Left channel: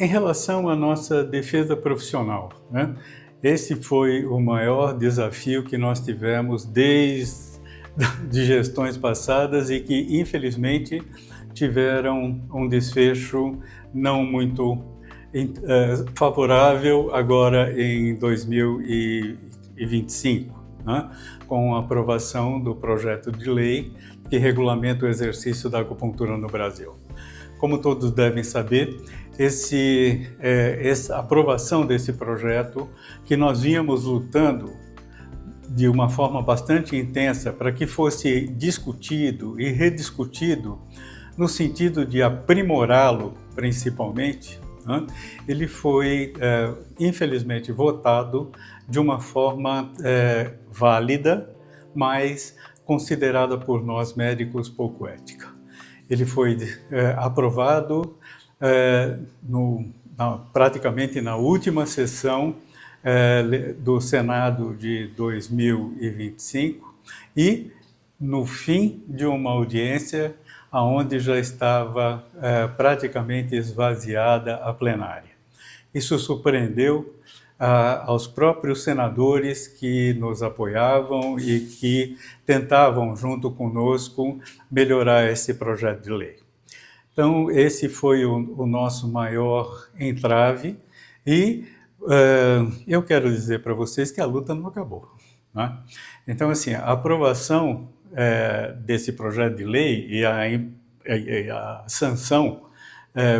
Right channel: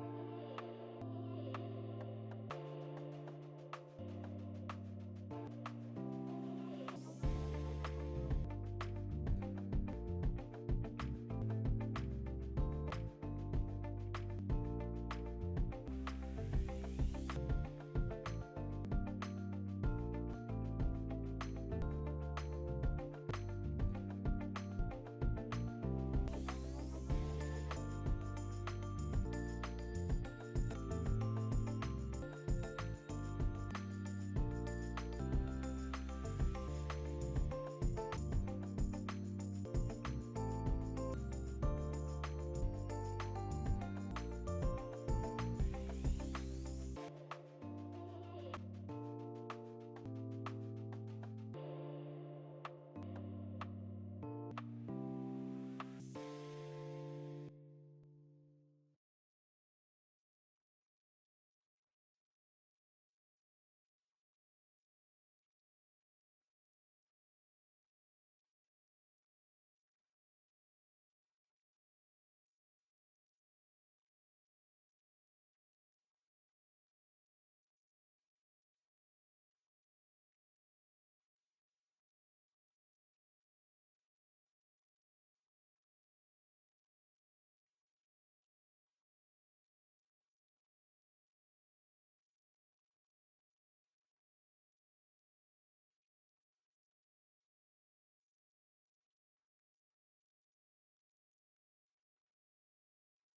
Em relação à nossa defesa profissional, né? Esse foi o maior desafio que nós tivemos desde de gestões passadas e que, infelizmente, tiveram um desfecho não muito favorável agora em 2025, né? Com a aprovação do projeto de lei que regulamenta o exercício da acupuntura no Brasil. Como todos devem saber, essa aprovação desse projeto, que nós vínhamos lutando de uma forma bastante intensa para que fosse discutido e rediscutido, no sentido de aprimorá-lo principalmente, né? Ele foi, infelizmente, votado de uma forma válida, mas considerada por nós médicos pouco ética. Ele foi aprovado praticamente na última sessão do Senado de 2025 e no fim de uma audiência onde já estava praticamente esvaziada a plenária. Isso surpreendeu aos próprios senadores que nos apoiavam e que tentavam, junto conosco, melhorar esse projeto de lei. Então, esse foi o nosso maior entrave e eu quero dizer para vocês que a luta não acabou, né? Então, assim, a aprovação desse projeto de lei e a sanção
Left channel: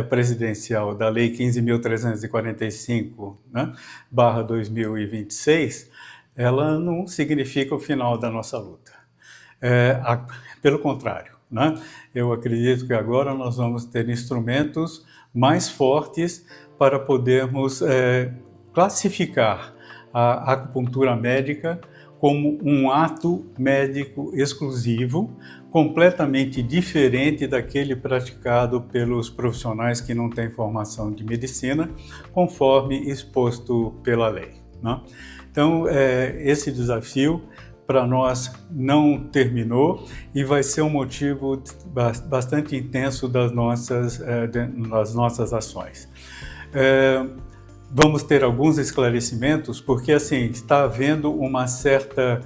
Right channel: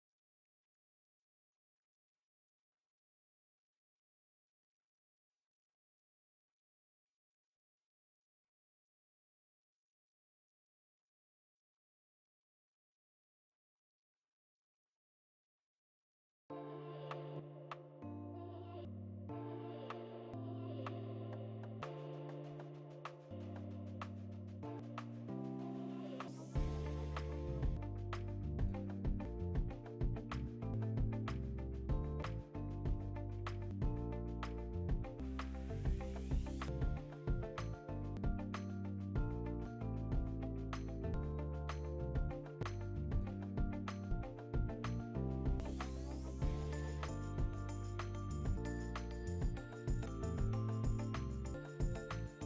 presidencial da Lei 15.345, né, /2026, ela não significa o final da nossa luta. Pelo contrário, né? Eu acredito que agora nós vamos ter instrumentos mais fortes para podermos classificar a acupuntura médica como um ato médico exclusivo, completamente diferente daquele praticado pelos profissionais que não têm formação de medicina, conforme exposto pela lei, né? Então, esse desafio para nós não terminou e vai ser um motivo bastante intenso das nossas ações. Vamos ter alguns esclarecimentos, porque assim está havendo uma certa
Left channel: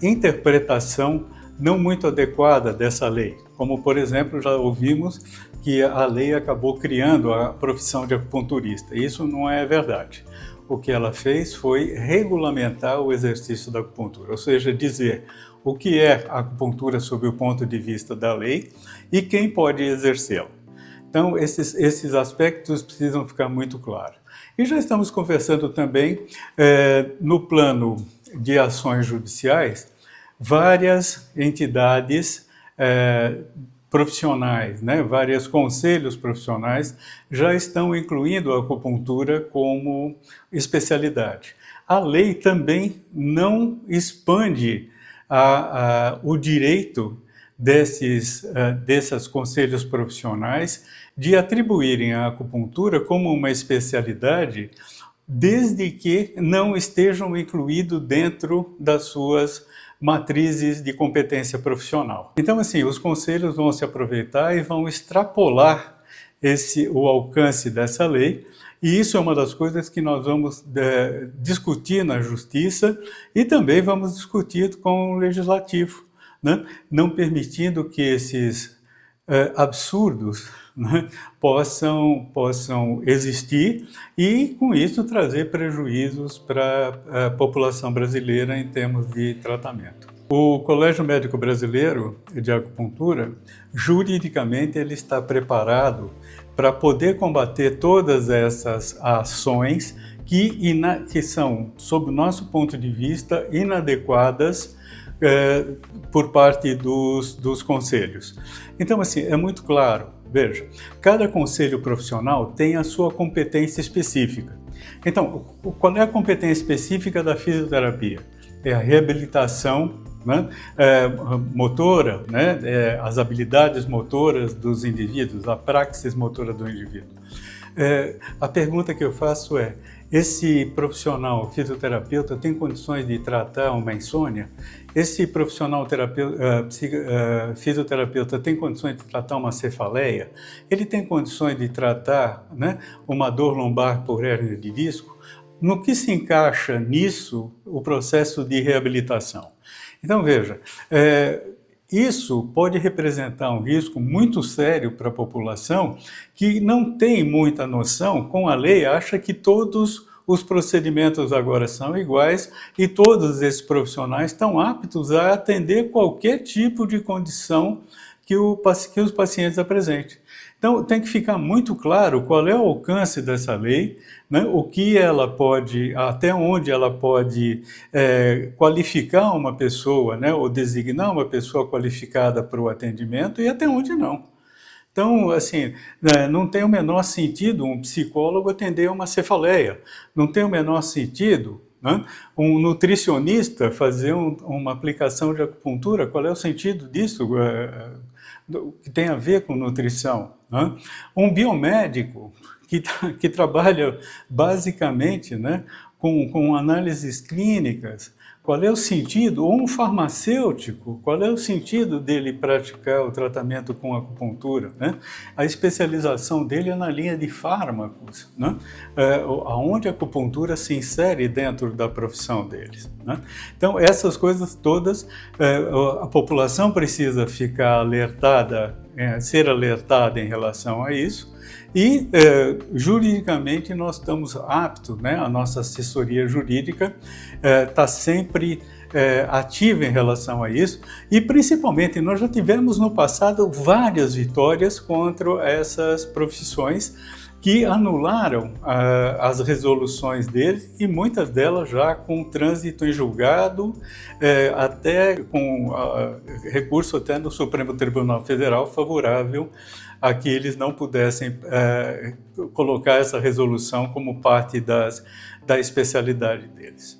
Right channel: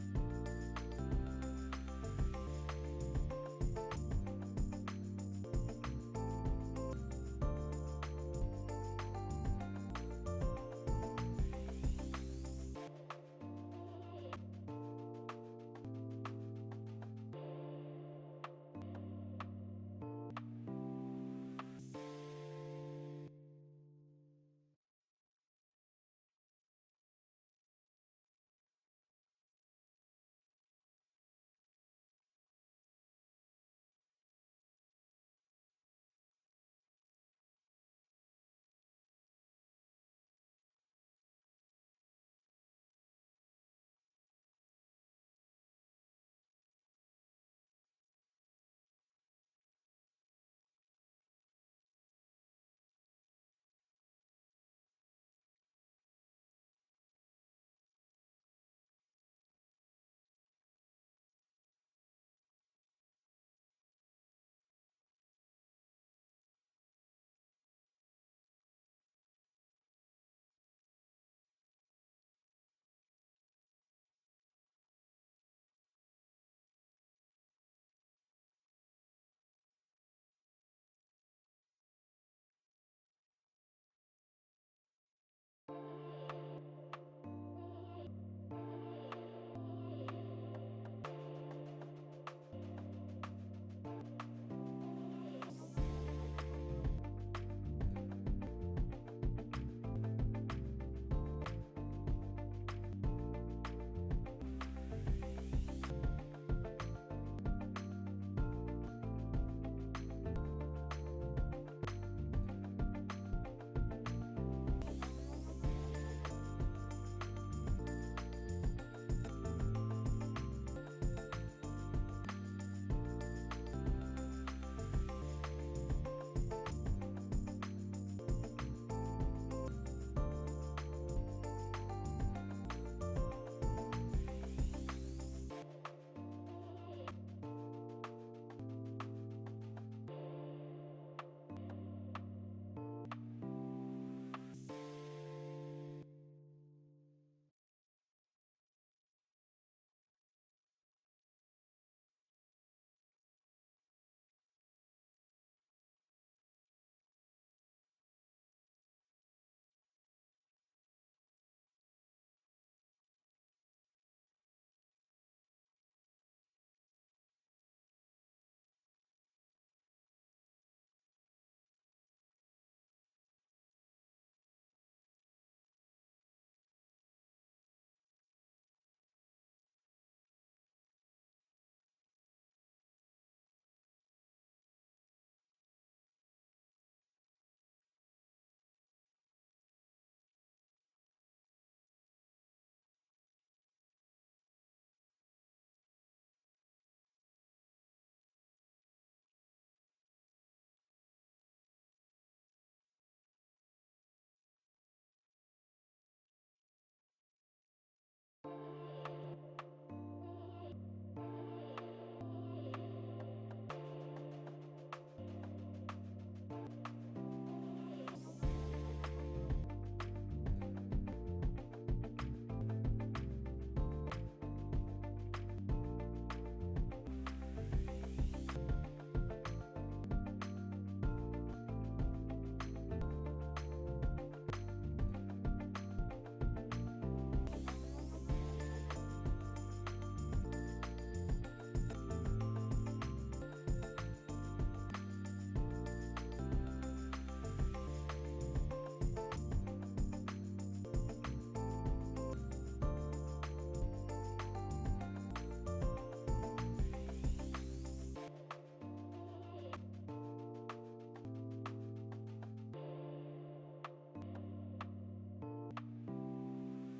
interpretação não muito adequada dessa lei. Como, por exemplo, já ouvimos que a lei acabou criando a profissão de acupunturista. Isso não é verdade. O que ela fez foi regulamentar o exercício da acupuntura, ou seja, dizer o que é acupuntura sob o ponto de vista da lei e quem pode exercê-la. Então, esses aspectos precisam ficar muito claros. E já estamos conversando também, no plano de ações judiciais, várias entidades profissionais, né, vários conselhos profissionais já estão incluindo a acupuntura como especialidade. A lei também não expande o direito desses conselhos profissionais de atribuírem a acupuntura como uma especialidade, desde que não estejam incluídos dentro das suas matrizes de competência profissional. Então, assim, os conselhos vão se aproveitar e vão extrapolar o alcance dessa lei, e isso é uma das coisas que nós vamos discutir na Justiça e também vamos discutir com o Legislativo, né? Não permitindo que esses absurdos, né, possam existir e, com isso, trazer prejuízos para a população brasileira em termos de tratamento. O Colégio Médico Brasileiro de Acupuntura, juridicamente, ele está preparado para poder combater todas essas ações que são, sob o nosso ponto de vista, inadequadas por parte dos conselhos. Então, assim, é muito claro, veja, cada conselho profissional tem a sua competência específica. Então, qual é a competência específica da fisioterapia? É a reabilitação, né, motora, né, as habilidades motoras dos indivíduos, a praxis motora do indivíduo. A pergunta que eu faço é, esse profissional fisioterapeuta tem condições de tratar uma insônia? Esse profissional fisioterapeuta tem condições de tratar uma cefaleia? Ele tem condições de tratar, né, uma dor lombar por hérnia de disco? No que se encaixa nisso o processo de reabilitação? Então, veja, isso pode representar um risco muito sério para a população que não tem muita noção, com a lei, acha que todos os procedimentos agora são iguais e todos esses profissionais estão aptos a atender qualquer tipo de condição que os pacientes apresentem. Então, tem que ficar muito claro qual é o alcance dessa lei, né? O que ela pode, até onde ela pode qualificar uma pessoa, né? Ou designar uma pessoa qualificada para o atendimento e até onde não. Então, assim, não tem o menor sentido um psicólogo atender uma cefaleia, não tem o menor sentido, né, um nutricionista fazer uma aplicação de acupuntura. Qual é o sentido disso? Que tem a ver com nutrição, né? Um biomédico que trabalha basicamente, né, com análises clínicas, qual é o sentido? Ou um farmacêutico, qual é o sentido dele praticar o tratamento com acupuntura, né? A especialização dele é na linha de fármacos, né? Aonde a acupuntura se insere dentro da profissão deles, né? Então, essas coisas todas, a população precisa ficar alertada, ser alertada em relação a isso. E, juridicamente, nós estamos aptos, né? A nossa assessoria jurídica está sempre ativa em relação a isso, e principalmente nós já tivemos no passado várias vitórias contra essas profissões que anularam as resoluções deles, e muitas delas já com trânsito em julgado, até com recurso até no Supremo Tribunal Federal favorável a que eles não pudessem colocar essa resolução como parte da especialidade deles.